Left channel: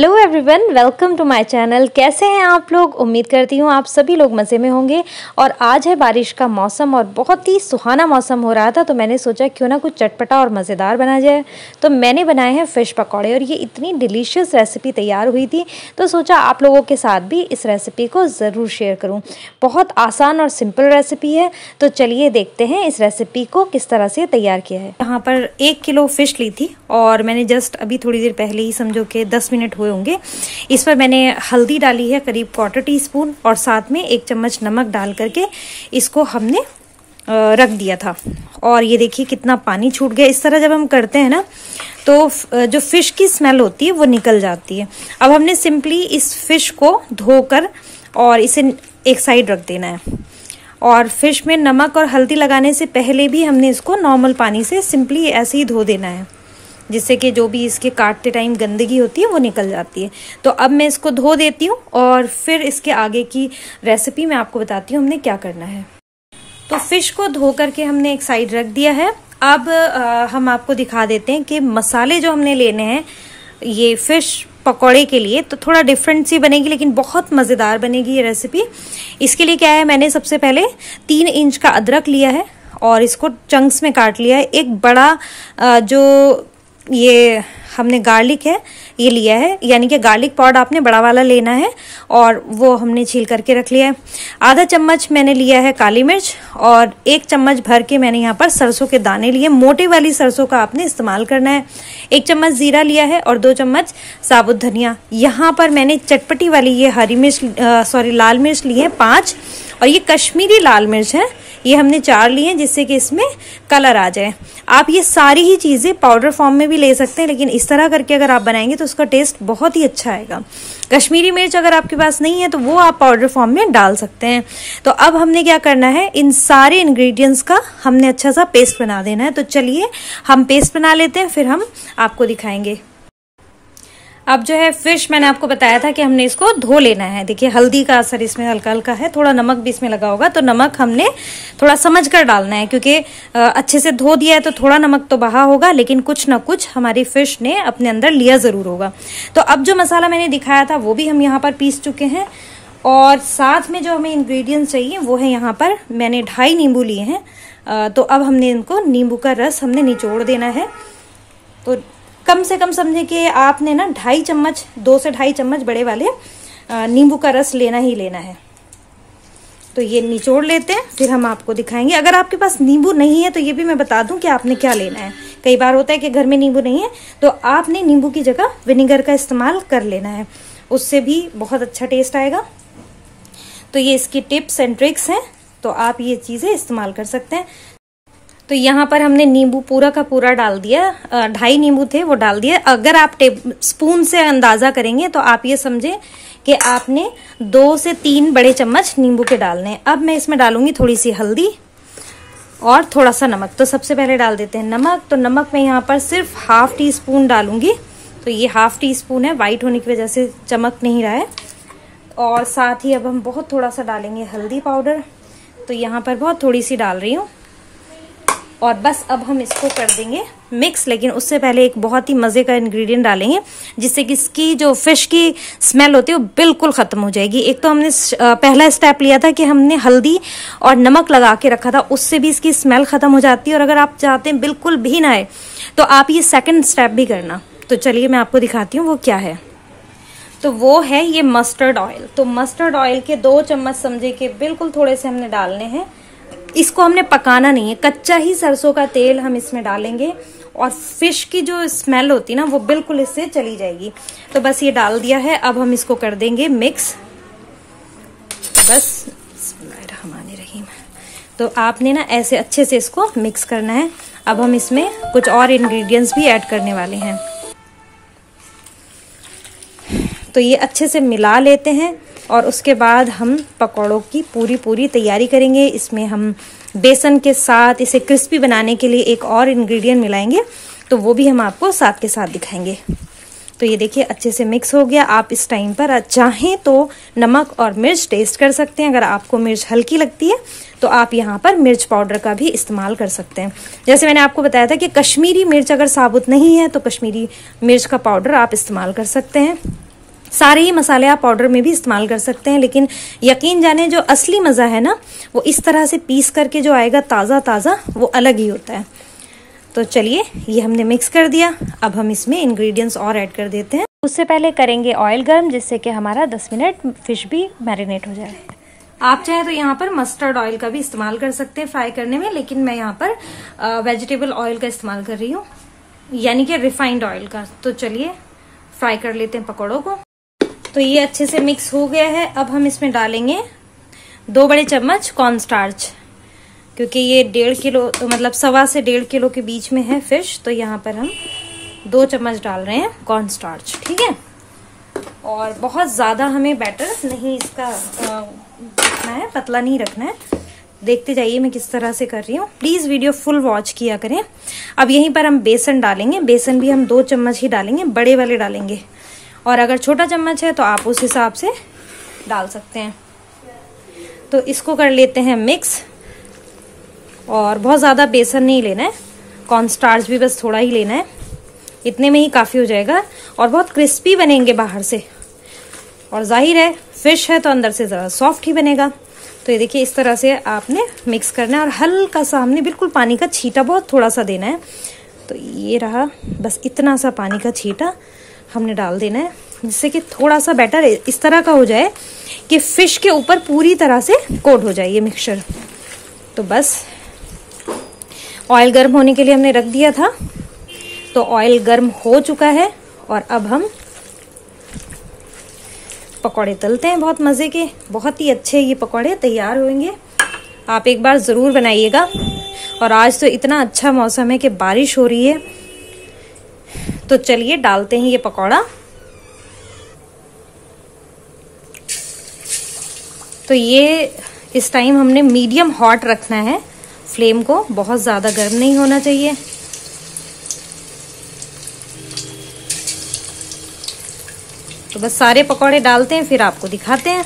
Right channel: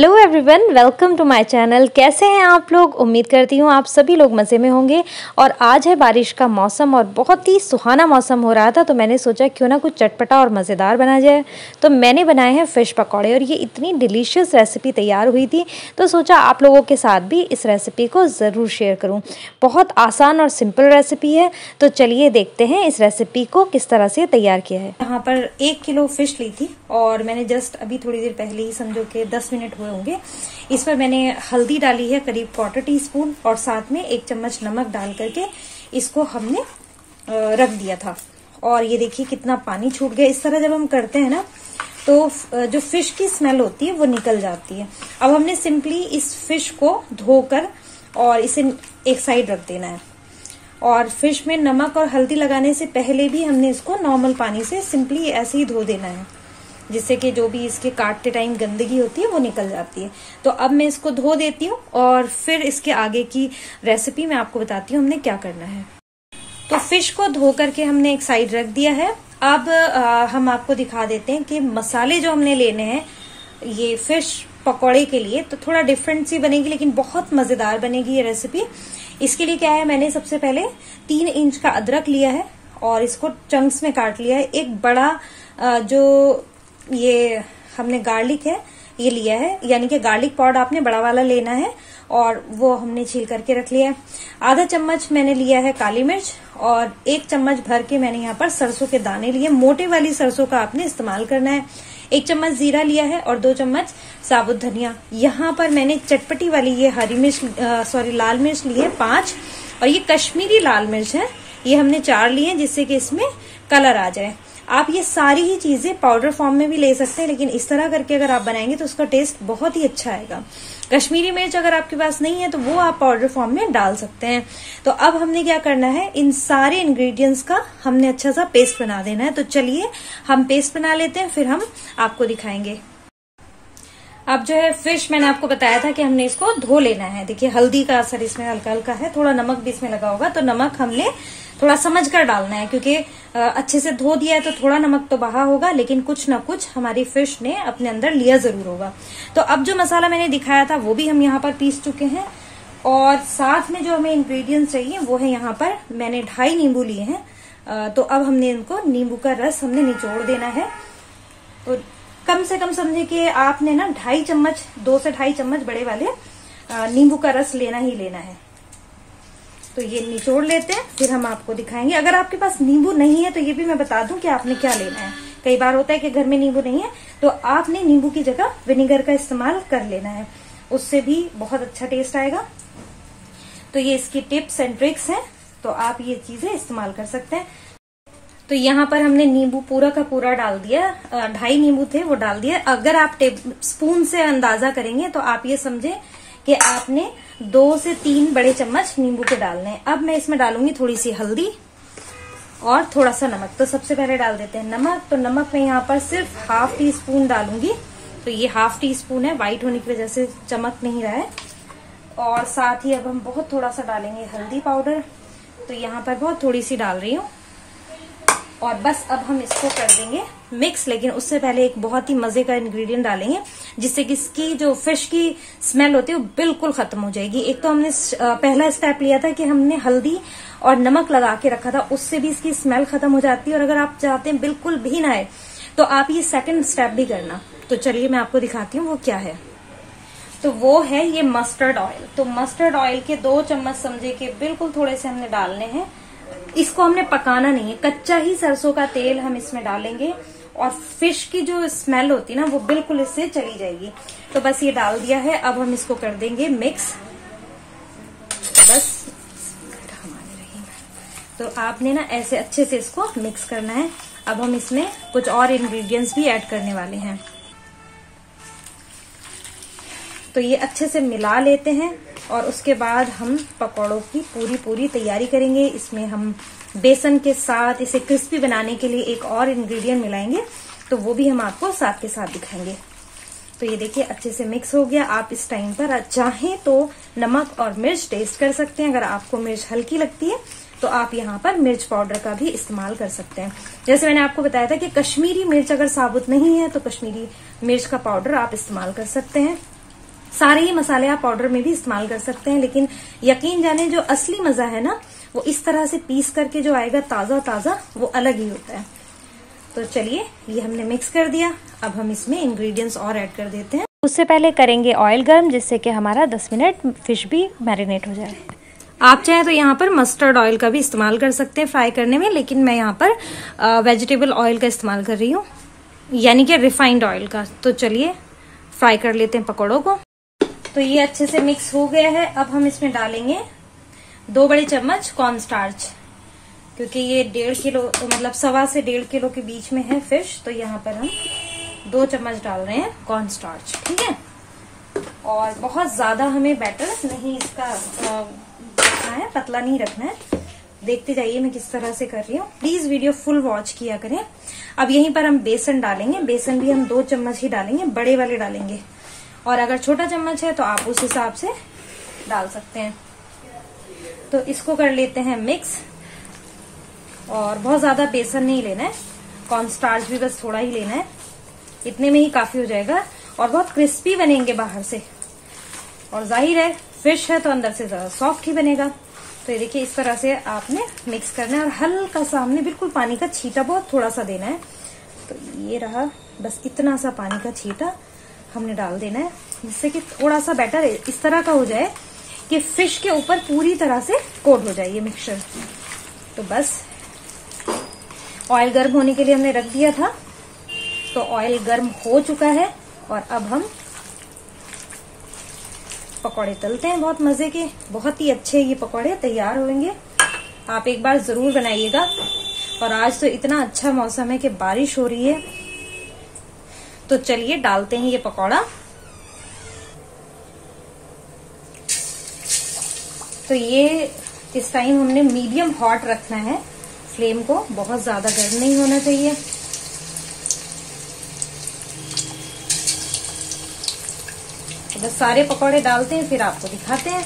Hello everyone, welcome to my channel. कैसे हैं आप लोग? उम्मीद करती हूँ आप सभी लोग मज़े में होंगे। और आज है बारिश का मौसम और बहुत ही सुहाना मौसम हो रहा था, तो मैंने सोचा क्यों ना कुछ चटपटा और मज़ेदार बना जाए। तो मैंने बनाए हैं फ़िश पकौड़े और ये इतनी डिलीशियस रेसिपी तैयार हुई थी, तो सोचा आप लोगों के साथ भी इस रेसिपी को ज़रूर शेयर करूँ। बहुत आसान और सिंपल रेसिपी है, तो चलिए देखते हैं इस रेसिपी को किस तरह से तैयार किया है। यहाँ पर 1 किलो फ़िश ली थी और मैंने जस्ट अभी थोड़ी देर पहले ही, समझो कि 10 मिनट हुए होंगे, इस पर मैंने हल्दी डाली है करीब 1/4 टीस्पून और साथ में 1 चम्मच नमक डाल करके इसको हमने रख दिया था। और ये देखिए कितना पानी छूट गया। इस तरह जब हम करते हैं ना, तो जो फिश की स्मेल होती है वो निकल जाती है। अब हमने सिंपली इस फिश को धोकर और इसे एक साइड रख देना है। और फिश में नमक और हल्दी लगाने से पहले भी हमने इसको नॉर्मल पानी से सिंपली ऐसे ही धो देना है, जिससे कि जो भी इसके काटते टाइम गंदगी होती है वो निकल जाती है। तो अब मैं इसको धो देती हूँ और फिर इसके आगे की रेसिपी मैं आपको बताती हूँ हमने क्या करना है। तो फिश को धो करके हमने एक साइड रख दिया है। अब हम आपको दिखा देते हैं कि मसाले जो हमने लेने हैं ये फिश पकौड़े के लिए, तो थोड़ा डिफरेंट सी बनेगी लेकिन बहुत मजेदार बनेगी ये रेसिपी। इसके लिए क्या है, मैंने सबसे पहले 3 इंच का अदरक लिया है और इसको चंक्स में काट लिया है। एक बड़ा जो ये हमने गार्लिक है ये लिया है, यानी कि गार्लिक पाउडर आपने बड़ा वाला लेना है और वो हमने छील करके रख लिया है। आधा चम्मच मैंने लिया है काली मिर्च और 1 चम्मच भर के मैंने यहाँ पर सरसों के दाने लिए। मोटे वाली सरसों का आपने इस्तेमाल करना है। 1 चम्मच जीरा लिया है और 2 चम्मच साबुत धनिया। यहाँ पर मैंने चटपटी वाली ये लाल मिर्च ली है 5, और ये कश्मीरी लाल मिर्च है, ये हमने 4 लिए, जिससे कि इसमें कलर आ जाए। आप ये सारी ही चीजें पाउडर फॉर्म में भी ले सकते हैं, लेकिन इस तरह करके अगर आप बनाएंगे तो उसका टेस्ट बहुत ही अच्छा आएगा। कश्मीरी मिर्च अगर आपके पास नहीं है तो वो आप पाउडर फॉर्म में डाल सकते हैं। तो अब हमने क्या करना है, इन सारे इंग्रेडिएंट्स का हमने अच्छा सा पेस्ट बना देना है। तो चलिए हम पेस्ट बना लेते हैं, फिर हम आपको दिखाएंगे। अब जो है फिश, मैंने आपको बताया था कि हमने इसको धो लेना है। देखिए हल्दी का असर इसमें हल्का हल्का है, थोड़ा नमक भी इसमें लगा होगा, तो नमक हमने थोड़ा समझ कर डालना है, क्योंकि अच्छे से धो दिया है तो थोड़ा नमक तो बहा होगा, लेकिन कुछ ना कुछ हमारी फिश ने अपने अंदर लिया जरूर होगा। तो अब जो मसाला मैंने दिखाया था वो भी हम यहाँ पर पीस चुके हैं। और साथ में जो हमें इंग्रेडिएंट्स चाहिए वो है, यहाँ पर मैंने 2.5 नींबू लिए हैं। तो अब हमने इनको, नींबू का रस हमने निचोड़ देना है। तो कम से कम समझे कि आपने ना 2.5 चम्मच, 2 से 2.5 चम्मच बड़े वाले नींबू का रस लेना ही लेना है। तो ये निचोड़ लेते हैं, फिर हम आपको दिखाएंगे। अगर आपके पास नींबू नहीं है तो ये भी मैं बता दूं कि आपने क्या लेना है। कई बार होता है कि घर में नींबू नहीं है, तो आपने नींबू की जगह विनेगर का इस्तेमाल कर लेना है, उससे भी बहुत अच्छा टेस्ट आएगा। तो ये इसकी टिप्स एंड ट्रिक्स हैं, तो आप ये चीजें इस्तेमाल कर सकते हैं। तो यहाँ पर हमने नींबू पूरा का पूरा डाल दिया, 2.5 नींबू थे वो डाल दिया। अगर आप स्पून से अंदाजा करेंगे तो आप ये समझे कि आपने 2 से 3 बड़े चम्मच नींबू के डालने हैं। अब मैं इसमें डालूंगी थोड़ी सी हल्दी और थोड़ा सा नमक। तो सबसे पहले डाल देते हैं नमक। तो नमक मैं यहाँ पर सिर्फ 1/2 टीस्पून डालूंगी। तो ये 1/2 टीस्पून है, व्हाइट होने की वजह से चमक नहीं रहा है। और साथ ही अब हम बहुत थोड़ा सा डालेंगे हल्दी पाउडर। तो यहाँ पर बहुत थोड़ी सी डाल रही हूँ और बस अब हम इसको कर देंगे मिक्स। लेकिन उससे पहले एक बहुत ही मजे का इंग्रेडिएंट डालेंगे, जिससे कि इसकी जो फिश की स्मेल होती है वो बिल्कुल खत्म हो जाएगी। एक तो हमने पहला स्टेप लिया था कि हमने हल्दी और नमक लगा के रखा था, उससे भी इसकी स्मेल खत्म हो जाती है। और अगर आप चाहते हैं बिल्कुल भी ना आए तो आप ये सेकंड स्टेप भी करना। तो चलिए मैं आपको दिखाती हूँ वो क्या है। तो वो है ये मस्टर्ड ऑयल। तो मस्टर्ड ऑयल के 2 चम्मच समझे कि बिल्कुल थोड़े से हमने डालने हैं। इसको हमने पकाना नहीं है, कच्चा ही सरसों का तेल हम इसमें डालेंगे और फिश की जो स्मेल होती है ना वो बिल्कुल इससे चली जाएगी। तो बस ये डाल दिया है, अब हम इसको कर देंगे मिक्स। बस बिस्मिल्लाहिर्रहमानिर्रहीम। तो आपने ना ऐसे अच्छे से इसको मिक्स करना है। अब हम इसमें कुछ और इंग्रेडिएंट्स भी ऐड करने वाले हैं। तो ये अच्छे से मिला लेते हैं और उसके बाद हम पकौड़ों की पूरी तैयारी करेंगे। इसमें हम बेसन के साथ इसे क्रिस्पी बनाने के लिए एक और इंग्रेडिएंट मिलाएंगे, तो वो भी हम आपको साथ के साथ दिखाएंगे। तो ये देखिए अच्छे से मिक्स हो गया। आप इस टाइम पर चाहें तो नमक और मिर्च टेस्ट कर सकते हैं। अगर आपको मिर्च हल्की लगती है तो आप यहाँ पर मिर्च पाउडर का भी इस्तेमाल कर सकते हैं। जैसे मैंने आपको बताया था कि कश्मीरी मिर्च अगर साबुत नहीं है तो कश्मीरी मिर्च का पाउडर आप इस्तेमाल कर सकते हैं। सारे ही मसाले आप पाउडर में भी इस्तेमाल कर सकते हैं, लेकिन यकीन जाने जो असली मजा है ना वो इस तरह से पीस करके जो आएगा ताजा ताजा, वो अलग ही होता है। तो चलिए ये हमने मिक्स कर दिया, अब हम इसमें इंग्रेडिएंट्स और ऐड कर देते हैं। उससे पहले करेंगे ऑयल गर्म, जिससे कि हमारा 10 मिनट फिश भी मैरिनेट हो जाए। आप चाहे तो यहाँ पर मस्टर्ड ऑयल का भी इस्तेमाल कर सकते हैं फ्राई करने में, लेकिन मैं यहाँ पर वेजिटेबल ऑयल का इस्तेमाल कर रही हूँ, यानी कि रिफाइंड ऑयल का। तो चलिए फ्राई कर लेते हैं पकौड़ों को। तो ये अच्छे से मिक्स हो गया है। अब हम इसमें डालेंगे 2 बड़े चम्मच कॉर्नस्टार्च, क्योंकि ये 1.5 किलो मतलब 1.25 से 1.5 किलो के बीच में है फिश, तो यहाँ पर हम 2 चम्मच डाल रहे हैं कॉर्नस्टार्च। ठीक है, और बहुत ज्यादा हमें बैटर नहीं इसका रखना है, पतला नहीं रखना है। देखते जाइए मैं किस तरह से कर रही हूँ, प्लीज वीडियो फुल वॉच किया करें। अब यहीं पर हम बेसन डालेंगे, बेसन भी हम 2 चम्मच ही डालेंगे, बड़े वाले डालेंगे, और अगर छोटा चम्मच है तो आप उस हिसाब से डाल सकते हैं। तो इसको कर लेते हैं मिक्स, और बहुत ज्यादा बेसन नहीं लेना है, कॉर्नस्टार्च भी बस थोड़ा ही लेना है, इतने में ही काफी हो जाएगा। और बहुत क्रिस्पी बनेंगे बाहर से, और जाहिर है फिश है तो अंदर से जरा सॉफ्ट ही बनेगा। तो ये देखिए इस तरह से आपने मिक्स करना है, और हल्का सा हमने बिल्कुल पानी का छींटा बहुत थोड़ा सा देना है। तो ये रहा, बस इतना सा पानी का छींटा हमने डाल देना है, जिससे कि थोड़ा सा बैटर इस तरह का हो जाए कि फिश के ऊपर पूरी तरह से कोट हो जाए ये मिक्सचर। तो बस ऑयल गर्म होने के लिए हमने रख दिया था, तो ऑयल गर्म हो चुका है, और अब हम पकौड़े तलते हैं बहुत मजे के। बहुत ही अच्छे ये पकौड़े तैयार होंगे, आप एक बार जरूर बनाइएगा। और आज तो इतना अच्छा मौसम है कि बारिश हो रही है। तो चलिए डालते हैं ये पकौड़ा। तो ये इस टाइम हमने मीडियम हॉट रखना है फ्लेम को, बहुत ज्यादा गर्म नहीं होना चाहिए। तो बस सारे पकौड़े डालते हैं, फिर आपको दिखाते हैं।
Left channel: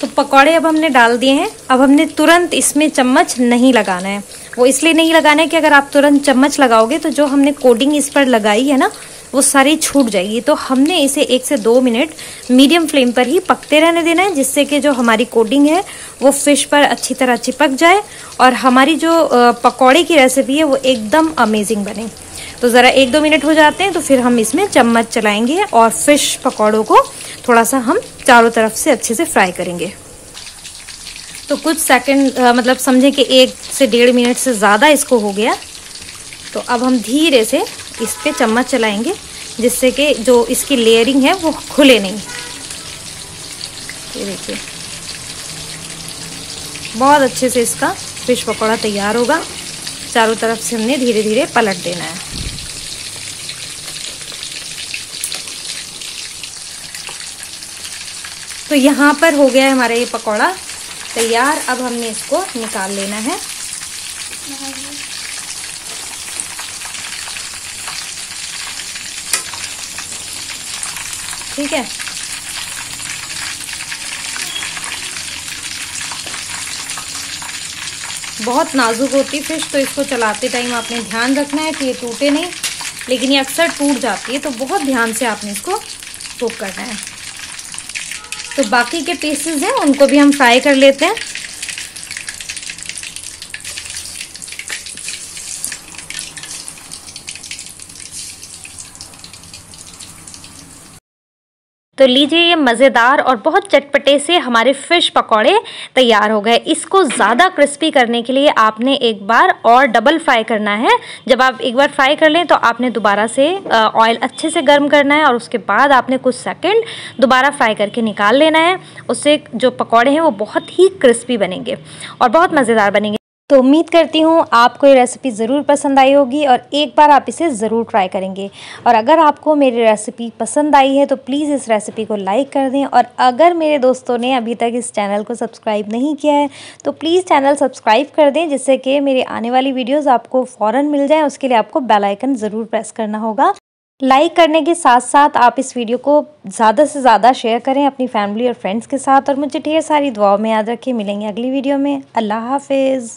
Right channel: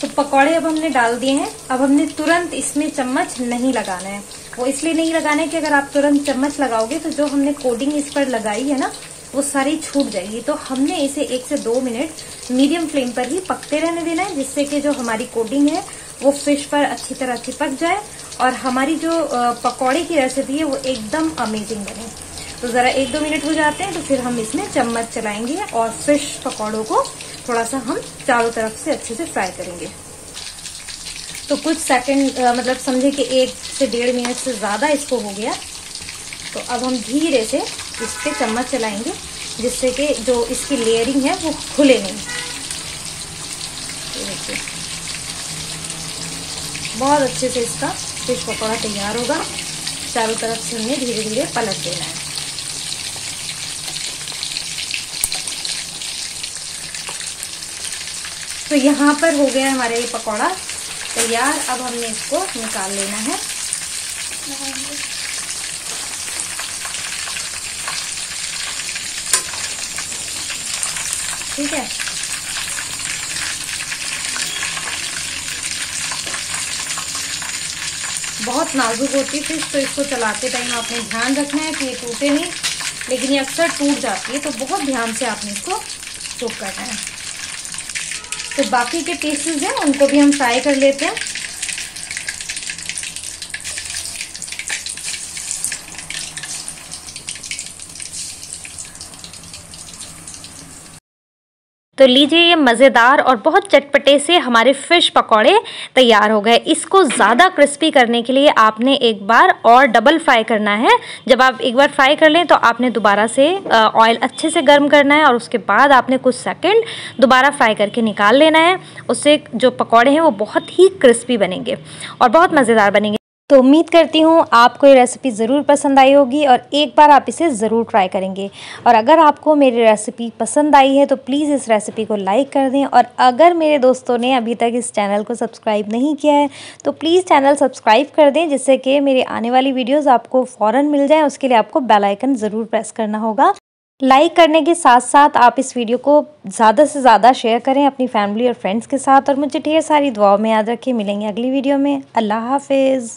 तो पकौड़े अब हमने डाल दिए हैं। अब हमने तुरंत इसमें चम्मच नहीं लगाना है, वो इसलिए नहीं लगाना है कि अगर आप तुरंत चम्मच लगाओगे तो जो हमने कोटिंग इस पर लगाई है ना वो सारी छूट जाएगी। तो हमने इसे 1 से 2 मिनट मीडियम फ्लेम पर ही पकते रहने देना है, जिससे कि जो हमारी कोटिंग है वो फिश पर अच्छी तरह चिपक जाए, और हमारी जो पकौड़े की रेसिपी है वो एकदम अमेजिंग बने। तो जरा 1-2 मिनट हो जाते हैं तो फिर हम इसमें चम्मच चलाएंगे, और फिश पकौड़ों को थोड़ा सा हम चारों तरफ से अच्छे से फ्राई करेंगे। तो कुछ सेकंड मतलब समझे कि 1 से 1.5 मिनट से ज्यादा इसको हो गया। तो अब हम धीरे से इस पे चम्मच चलाएंगे, जिससे कि जो इसकी लेयरिंग है वो खुले नहीं। ये देखिए बहुत अच्छे से इसका फिश पकौड़ा तैयार होगा। चारों तरफ से हमने धीरे धीरे पलट देना है। तो यहाँ पर हो गया है हमारा ये पकौड़ा तैयार। अब हमने इसको निकाल लेना है। ठीक है, बहुत नाजुक होती फिश, तो इसको चलाते टाइम आपने ध्यान रखना है कि ये टूटे नहीं, लेकिन ये अक्सर टूट जाती है, तो बहुत ध्यान से आपने इसको कुक करना है। तो बाकी के पीसेस हैं उनको भी हम फ्राई कर लेते हैं। तो लीजिए ये मज़ेदार और बहुत चटपटे से हमारे फ़िश पकौड़े तैयार हो गए। इसको ज़्यादा क्रिस्पी करने के लिए आपने एक बार और डबल फ्राई करना है। जब आप एक बार फ्राई कर लें तो आपने दोबारा से ऑयल अच्छे से गर्म करना है, और उसके बाद आपने कुछ सेकंड दोबारा फ्राई करके निकाल लेना है। उससे जो पकौड़े हैं वो बहुत ही क्रिस्पी बनेंगे और बहुत मज़ेदार बनेंगे। तो उम्मीद करती हूँ आपको ये रेसिपी ज़रूर पसंद आई होगी, और एक बार आप इसे ज़रूर ट्राई करेंगे। और अगर आपको मेरी रेसिपी पसंद आई है तो प्लीज़ इस रेसिपी को लाइक कर दें, और अगर मेरे दोस्तों ने अभी तक इस चैनल को सब्सक्राइब नहीं किया है तो प्लीज़ चैनल सब्सक्राइब कर दें, जिससे कि मेरी आने वाली वीडियोज़ आपको फ़ौरन मिल जाएँ। उसके लिए आपको बेल आइकन ज़रूर प्रेस करना होगा। लाइक करने के साथ साथ आप इस वीडियो को ज़्यादा से ज़्यादा शेयर करें अपनी फैमिली और फ्रेंड्स के साथ, और मुझे ढेर सारी दुआओं में याद रखें। मिलेंगे अगली वीडियो में। अल्लाह हाफिज़।